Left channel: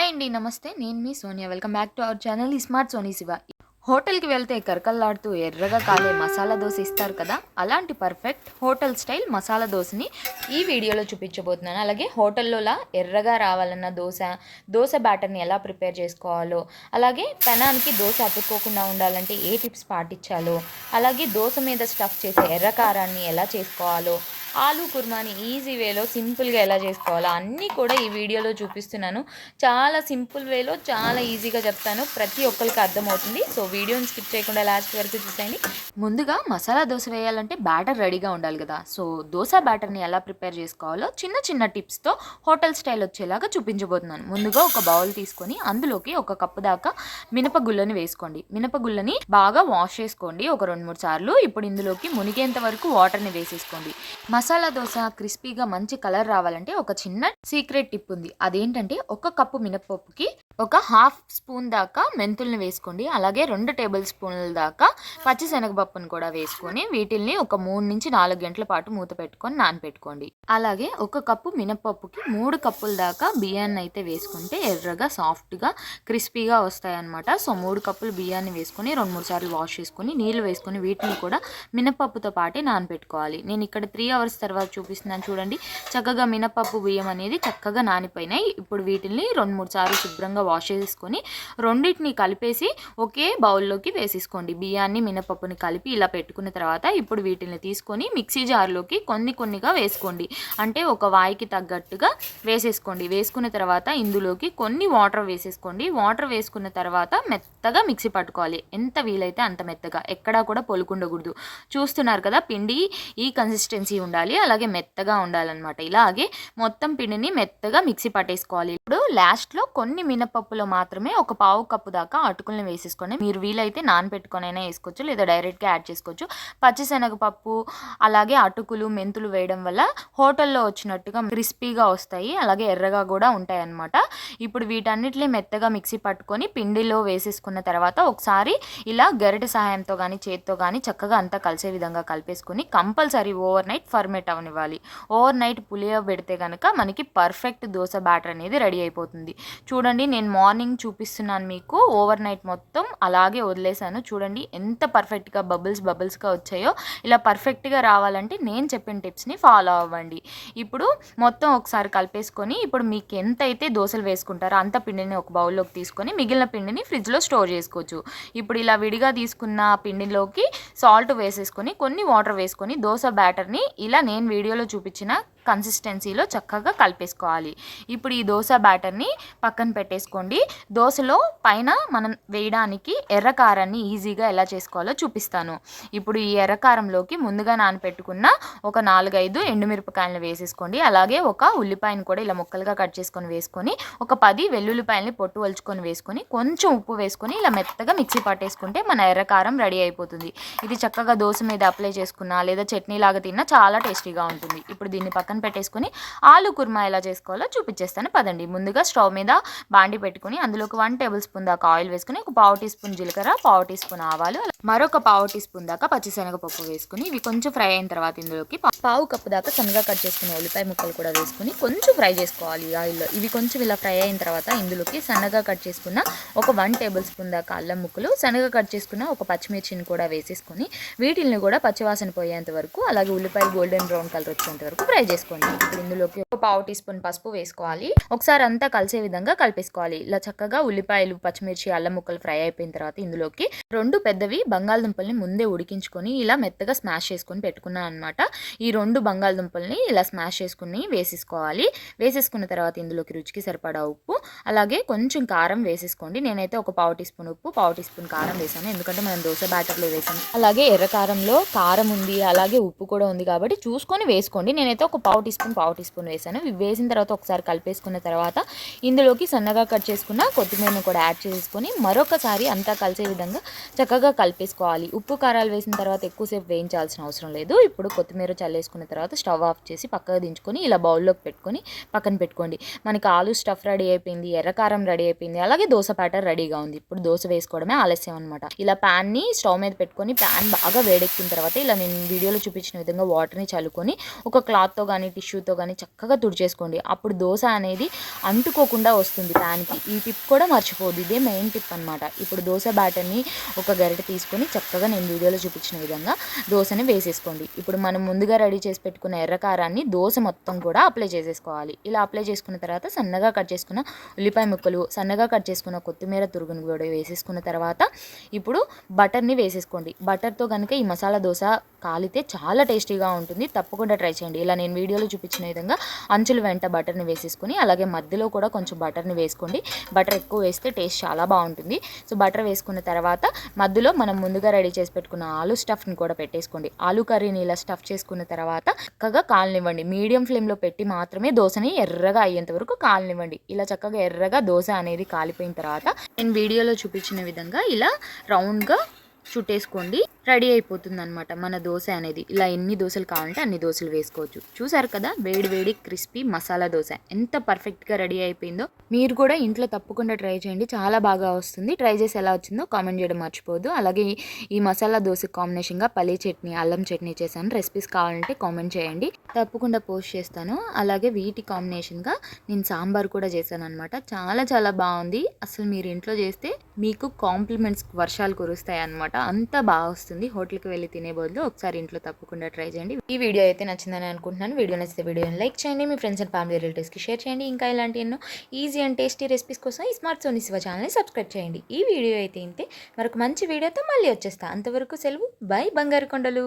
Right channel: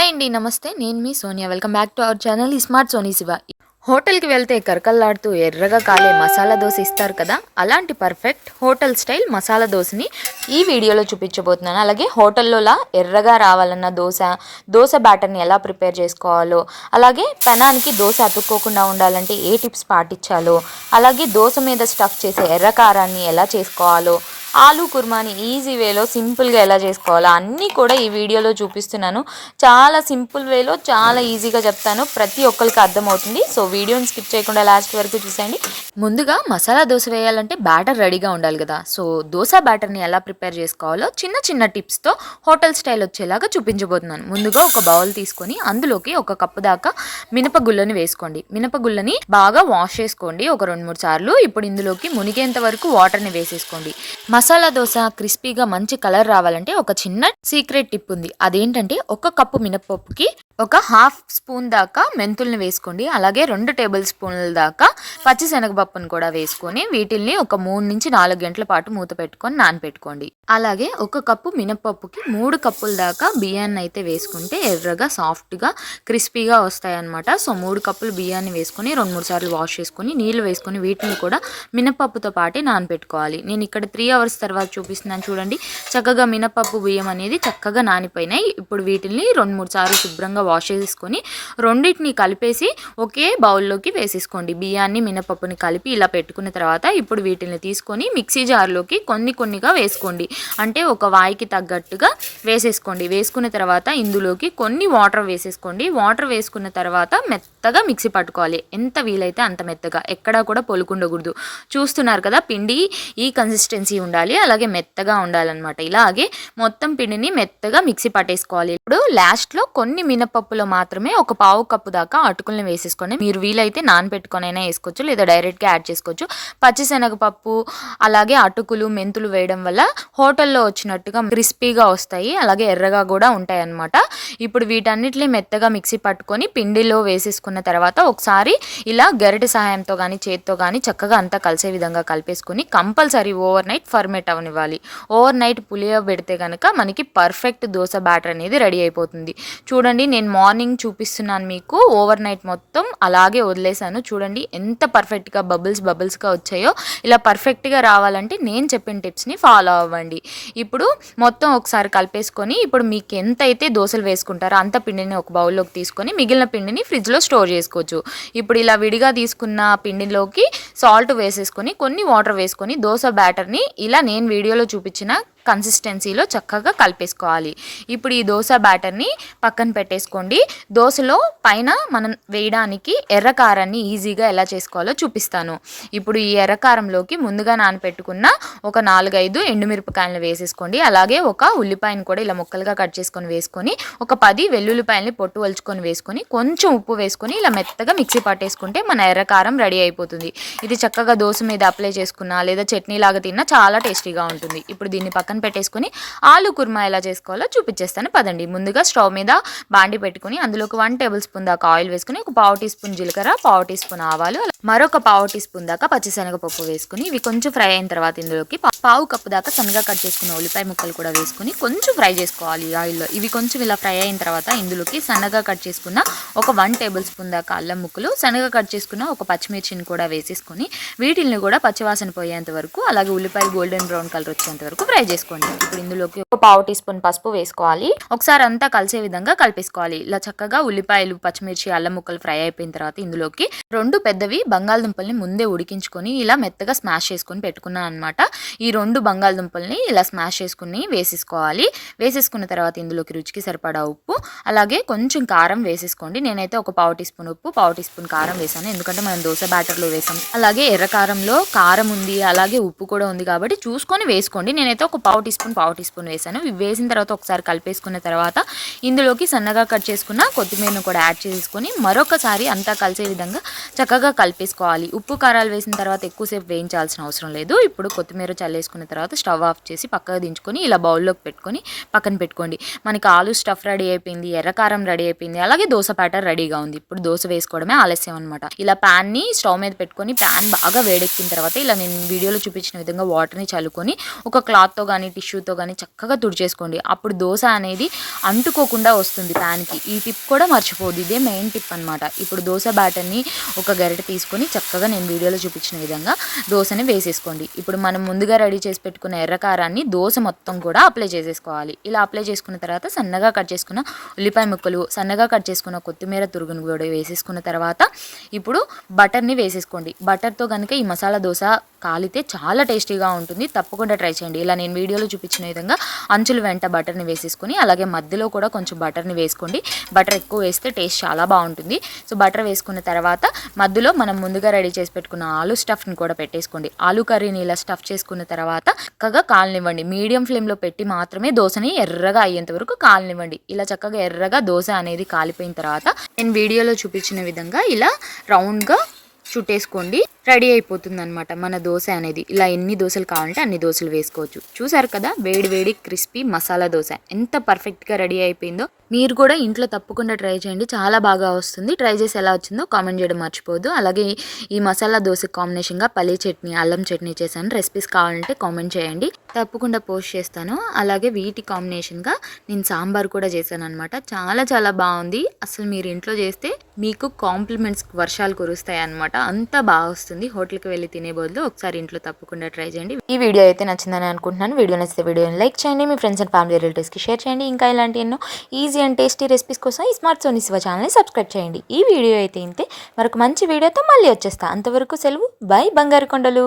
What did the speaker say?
Hi అండి. నమస్తే. నేను మీ Sonia. Welcome back to our channel smart Soni Shiva. హోటల్‌కి వెళ్తే కరకల్లాడుతూ ఎర్రగా కాలే మసాలా దోస ఇస్తారు కదా! అలాంటి పర్ఫెక్ట్ హోటల్ స్టైల్ మసాలా దోసని ఈ వీడియోలో చూపించబోతున్నాను. అలాగే హోటల్లోలా ఎర్రగా రావాలన్న దోస బ్యాటర్‌ని ఎలా ప్రిపేర్ చేసుకోవాలో, అలాగే పెనానికి దోస అతుక్కోకుండా ఉండాలంటే ఏ టిప్స్ పాటించాలో, అలాగే దోస మీద స్టఫ్ చేసే ఎర్ర కారాన్ని ఎలా చేసుకోవాలో, ఆలూ కుర్మాని ఈజీ వేలో సింపుల్గా ఎలా చేసుకోవాలో అన్నీ కూడా ఈ వీడియోలో చూపిస్తున్నాను. చాలా సింపుల్ వేలో చాలా ఈజీగా చెప్తాను. ప్రతి ఒక్కరికి అర్థమవుతుంది. సో వీడియోని స్కిప్ చేయకుండా లాస్ట్ వరకు చూసేయండి. ముందుగా మసాలా దోశ వేయాలంటే బ్యాటర్ రెడీగా ఉండాలి కదా. సో దోశ బ్యాటర్ని ఎలా ప్రిపేర్ చేసుకోవాలో చిన్న చిన్న టిప్స్తో హోటల్ స్టైల్ వచ్చేలాగా చూపించబోతున్నాను. ముందుగా ఒక బౌల్ తీసుకొని అందులోకి ఒక కప్పు దాకా మినపగుళ్ళని వేసుకోండి. మినపగుళ్ళని బాగా వాష్ చేసుకోండి ఒక 2-3 సార్లు. ఇప్పుడు ఇందులోకి మునిగేంత వరకు వాటర్ని వేసేసుకోండి. మసాలా దోశ క్రిస్పీగా మంచి కలర్ రావాలంటే ఒక చిన్న సీక్రెట్ టిప్ ఉంది. అదేంటంటే ఒక కప్పు మినపప్పుకి ఒక హాఫ్ స్పూన్ దాకా మెంతుల్ని వేసుకోండి. అలాగే 2 టేబుల్ స్పూన్ల దాకా పచ్చిశనగపప్పును కూడా వేసుకొని వీటిల్ని ఒక 3-4 గంటల పాటు మూత పెట్టుకొని నానపెట్టుకోండి. అలాగే ఒక కప్పు మినపప్పుకి 3 కప్పుల దాకా బియ్యాన్ని అయితే వేసుకుంటే ఎర్రగా సాఫ్ట్గా క్రిస్పీగా వస్తాయన్నమాట. సో 3 కప్పులు బియ్యాన్ని వేసుకొని 2-3 సార్లు వాష్ చేసుకొని నీళ్లు వేసుకొని వీటిని కూడా మినపప్పుతో పాటే నానపెట్టుకోవాలి. నేను ఇక్కడ 3 అవర్స్ తర్వాత చూపిస్తున్నాను చూడండి. చక్కగా మినపప్పు బియ్యం అనేది చక్కగా నానిపోయినాయి. ఇప్పుడు వీటిని 2-3 సార్లు శుభ్రంగా వాష్ చేసుకొని రెండింటిని కలిపేసి ఒకే బౌల్లోకి వేసేసుకోండి. బియ్యాన్ని మినపప్పుని కలిపి ఇలా పెట్టుకున్న తర్వాత ఇప్పుడు వీటిని తీసుకొని మిక్సీ జార్లోకి కొన్నిగా వేసుకోండి. అంటే ఒక వాయికి తగ్గట్టుగా వేసేసుకోండి. వేసుకున్న తర్వాత ఇందులోకి కొన్ని వాటర్ వేసేసుకోండి. వాటర్ వేసుకున్న తర్వాత మెత్తగా మిక్సీ పట్టుకోవాలి. ఎంత వీలైతే అంత మెత్తగా, ఎక్కడా కూడా పొలుకుండకూడదు. చూస్తున్నారు కదా, పిండి ఈ కన్సిస్టెన్సీ ఉండాలి, అలాగే మెత్తగా ఉండాలన్నమాట. ఇలాగే మొత్తం పిండిని మెత్తగా మిక్సీ పట్టేసుకోవాలి. ఇప్పుడు లాస్ట్లో కొన్ని మినపప్పులో మాత్రమే ఒక పావు కప్పు దాకా అటుకుల్ని వేసేసుకోండి. మీరు వీలైతే నానబెట్టుకొనైనా వేసుకోవచ్చు, లేదా డైరెక్ట్గా యాడ్ చేసుకోవచ్చు. పచ్చిశనగపప్పు అలాగే అటుకులు మెంతులు వేయడం వల్ల హోటల్లో వచ్చినట్టుగా క్రిస్పీగా వస్తాయి, అలాగే ఎర్రగా కూడా ఉంటాయి అన్నమాట. ఇప్పుడు వీటన్నిటిని మెత్తగా మిక్సీ పట్టుకొని పిండిలో వేసేసుకున్న తర్వాత ఒకసారి ఇలా గరిటె సహాయంతో కానీ చేత్తో కానీ చక్కగా అంతా కలిసే విధంగా కలిపేసుకుని కంపల్సరీ ఓవర్ నైట్ ఫర్మేట్ అవనివ్వాలి. ఓవర్ నైట్ పులియబెడితే కనుక మనకి పర్ఫెక్ట్ దోశ బ్యాటర్ అనేది రెడీ అయిపోతుంది. చూడండి, నేను మార్నింగ్ చూపిస్తున్నాను మీకు. ఓవర్ నైట్ మొత్తం అలాగే వదిలేసాను. చూడండి ఎంత పర్ఫెక్ట్గా బబుల్స్గా వచ్చాయో. ఇలా పర్ఫెక్ట్గా రావాలంటే నేను చెప్పిన టిప్స్ని ఫాలో అవ్వండి. ఇప్పుడు మొత్తం ఒకసారి కలిపేసుకొని ఇప్పుడు మీకు ఎంత అయితే దోశలు వేసుకుంటారో అంత పిండిని ఒక బౌల్లోకి తీసుకొని మిగిలిన పిండిని ఫ్రిడ్జ్లో స్టోర్ చేసుకోవచ్చు. ఇప్పుడు ఇలా విడిగా తీసుకున్న పిండిలోకి సాల్ట్ వేసేసుకొని కొన్ని వాటర్ వేసుకొని దోశ బ్యాటర్ని ఇలా నేను వీడియోలో చూపించిన కన్సిస్టెన్సీలో చక్కగా కలిపేసుకోవాలి. ఇప్పుడు ఈ దోశ బ్యాటర్ని పక్కన పెట్టేసుకోండి. దోశలో పైన మనం వేయడానికి ఎర్రకారాన్ని ఈజీగా ఎలా చేసుకోవాలో చూపిస్తాను. ఇప్పుడు ఈ ఎర్రకారంలోకి ముందుగా నానపెట్టుకున్న ఒక 4-5 ఎండుమిరపకాయలను వేసేసుకోండి. అలాగే ఒక ఉల్లిపాయను కూడా ఇలా ముక్కలుగా కట్ చేసుకొని వేసుకొని ఒక 10 వెల్లుల్లిపాయలని పొట్టు వలుచుకొని వేసుకొని కొంచెం ఉప్పు వేసుకొని ఇలా మెత్తగా మిక్సీ పట్టేసుకుంటే మన ఎర్రకారం రెడీ అయిపోతుంది. ఇది చక్కగా దోశ మీద అప్లై చేసుకున్నా లేదా చట్నీ లాగా తిన్నా చాలా టేస్టీగా ఉంటుంది. ఇప్పుడు దీన్ని పక్కన పెట్టేసుకొని ఆలూ కుర్మా ఎలా చేసుకోవాలో చూపించేస్తాను పదండి. ముందుగా స్టవ్ మీద బాండి పెట్టుకుని అందులోకి 1 టేబుల్ స్పూన్ దాకా ఆయిల్ వేసుకుని ఒక పావు టీ స్పూన్ జీలకర్ర, పావు టీ స్పూన్ ఆవాలు, మరొక పావు టీ స్పూన్ దాకా పచ్చిశనగపప్పు వేసుకుని ఇవి కొంచెం ఫ్రై అయిన తర్వాత ఇందులోకి పావు కప్పు దాకా సన్నగా కట్ చేసుకున్న ఉల్లిపాయ ముక్కలు కూడా వేసుకుని కొంచెం ఫ్రై చేసుకోవాలి ఆయిల్లో. ఇవి కొంచెం ఇలా ఫ్రై అయిన తర్వాత ఇందులోకి సన్నగా కట్ చేసుకున్న ఒక 1 టేబుల్ స్పూన్ దాకా అల్లం ముక్కలు, సన్నగా కట్ చేసుకున్న ఒక పచ్చిమిర్చిని కూడా వేసేసుకొని వీటిని కూడా పచ్చివాసన పోయేంత వరకు అలాగే ఉల్లిపాయ గోల్డెన్ బ్రౌన్ కలర్ వచ్చేంత వరకు ఫ్రై చేసుకోండి. ఇప్పుడు ఇందులోకి ఒక పావు టీ స్పూన్ పసుపు వేసుకోవాలి. ఒకసారి అంతా కలిసే విధంగా కలిపేసుకోవాలి. ఇలా చక్కగా ఉల్లిపాయలు పచ్చిమిర్చి అల్లం ముక్కలు ఫ్రై అయిపోయిన తర్వాత ఇందులోకి 2 పెద్దవి బంగాళదుంపల్ని ముందే ఉడికించుకొని ఇలా మెత్తగా స్మాష్ చేసుకొని పెట్టుకున్నాను అనమాట. ఈ 2 బంగాళదుంపల్ని ఇలా స్మాష్ చేసుకుని వేసేసుకోవాలి. వేసేసుకున్న తర్వాత ఇందులోకి రుచికి సరిపడా ఉప్పు అలాగే కొంచెం కారం వేసేసుకోండి. నేనైతే ఒక పావు టీ స్పూన్ ఉప్పు, పావు టీ స్పూన్ కారం వేసాను, ఎందుకంటే మనం దోశ బ్యాటర్లో వేసాను. అలాగే ఎర్ర కారంలో కారం ఉంది, అలాగే ఉప్పు కూడా ఉంది కాబట్టి చూసుకొని వేసుకోండి. నేనైతే ఒక పావు టీ స్పూన్ వేసాను. ఇవి వేసిన తర్వాత ఒకసారి కలిపేసుకున్న తర్వాత ఇందులోకి సన్నగా కట్ చేసుకున్న కొత్తిమీరను కూడా యాడ్ చేసుకొని మరొకసారి అంతా కలిసే విధంగా చక్కగా కలిపేసుకోవాలి. ఉప్పు కారాలు వేసిన తర్వాత ఎక్కువసేపు వేయించాల్సిన అవసరం లేదు. ఇప్పుడు కొత్తిమీర చల్లేసుకున్న తర్వాత స్టవ్ ఆఫ్ చేసి పక్కకు దించుకొని ఇలా బౌల్లోకి పెట్టుకొని పక్కన పెట్టుకోండి. మనకి ఆలు స్టఫ్ రెడీ అయిపోయింది, ఎర్రకారం రెడీ అయిపోయింది, అలాగే దోశ బ్యాటర్ రెడీగా ఉంది. ఇప్పుడు దోశ వేసుకోవడమే ఆలస్యం అనమాట. ఇలా ప్యాన్ని స్టవ్ మీద పెట్టుకొని ప్యాన్ బాగా వేడెక్కిన తర్వాత ఇలా నేను వీడియోలో చూపించిన విధంగా వాటర్ని చల్లుకొని ఒక క్లాత్తో కానీ కానీ టిష్యూతో కానీ చక్కగా తుడిచేసుకోండి. అప్పుడు దోశ అనేది అంటుకోకుండా వస్తుంది ప్యాన్కి. ఈ టిప్ కూడా మర్చిపోద్దు, ఇదే మెయిన్ టిప్ అనమాట. ఇప్పుడు దోశ బ్యాటర్ని ఒక గరిటె తీసుకొని చక్కగా నేను వీడియోలో చూపించిన విధంగా దోశని వేసేసుకోండి. ఇప్పుడు మనం ముందుగా రెడీ చేసి పెట్టుకున్న ఎర్రకారాన్ని దోశ మొత్తం కూడా అప్లై చేసేసుకోవాలి. ఇలా అప్లై చేసుకున్న తర్వాత సన్నగా కట్ చేసుకున్న ఉల్లిపాయ ముక్కలు, సన్నగా కట్ చేసుకున్న కొత్తిమీర తురుగును కూడా వేసేసుకున్న తర్వాత ఇప్పుడు బటర్ని వేసేసుకోండి. బటర్తో కనుక ఈ మసాలా దోశ కాలితే చాలా టేస్టీగా ఉంటుంది. తప్పకుండా ట్రై చేయండి. ఇలా నేను వీడియోలో చూపించిన విధంగా అంచుల వెంట బటర్ని వేసేసుకొని అలాగే మధ్యలో కూడా కొంచెం బటర్ని వేసుకోండి. బటర్ ఎక్కువ వేస్తే టేస్ట్ చాలా బాగుంటుంది. సో బటర్ వేసుకున్న తర్వాత మధ్యలో మనం ముందుగా రెడీ చేసి పెట్టుకున్న ఆలు స్టఫ్ని కూడా పెట్టేసుకోండి. ఆలు కర్రీని ఇలా స్టఫ్ చేసుకున్న తర్వాత చక్కగా కాలనివ్వండి. మీడియం ఫ్లేమ్లో పెట్టి మాత్రమే దోశని ఎర్రగా అయ్యేంత వరకు కాలనివ్వండి. ఇలా చక్కగా ఎర్రగా దోశ అనేది కాలిపోయిన తర్వాత నేను వీడియోలో చూపించిన విధంగా ఇలా రౌండ్గా చుట్టేసుకోండి. రెడీ అయిపోతుంది అనమాట మన దోశ అనేది. ఇలా ఎన్ని దోశలు కావాలంటే అన్ని దోశలు వేసుకోవచ్చు. చూసారు కదా, వేడి వేడి క్రిస్పీ మసాలా దోశ ఎంత పర్ఫెక్ట్గా రెడీ అయిపోయిందో. మీరు కూడా ఇంట్లో తప్పకుండా ట్రై చేయండి, చాలా బాగా వస్తుంది. ట్రై చేసి ఎలా వచ్చిందో కామెంట్ చేయడం మర్చిపోవద్దు. అలాగే ఈ మసాలా దోశ కాంబినేషన్గా పల్లీ చట్నీ, అల్లం చట్నీ చేశాను. రెసిపీస్ కావాలంటే కామెంట్ చేయండి, తప్పకుండా పోస్ట్ చేస్తాను. అలాగే వీటి కాంబినేషన్గా నేను సాంబార్ కూడా చేశాను అనమాట. చాలా చాలా బాగుంది. అసలు మీరు ఇంట్లో చేస్తే మీకు కాంప్లిమెంట్స్ వర్షాలు కురుస్తాయి అనమాట. అంత బాగా వస్తుంది. హోటల్కి వెళ్ళి తినే బదులు ఒకసారి ఇంట్లో తప్పకుండా ట్రై చేయండి. ఈ వీడియో అయితే నచ్చిందని అనుకుంటున్నాను. వీడియో నచ్చితే వీడియోని లైక్ చేయండి, మీ ఫ్రెండ్స్ అండ్ ఫ్యామిలీ రిలేటివ్స్కి షేర్ చేయండి. ఇంకా ఇలాంటి ఎన్నో ఈజీ అండ్ టేస్టీ రెసిపీస్ కోసం ఈ స్మార్ట్ సోనీ శివ ఛానల్ని సబ్స్క్రైబ్ చేయండి. ఈ వీడియో అయితే ఇంతే, మరొక మంచి వీడియోతో మళ్ళీ వచ్చేస్తా. అంతవరకు సెలవు, బై బంగారు కొండలు.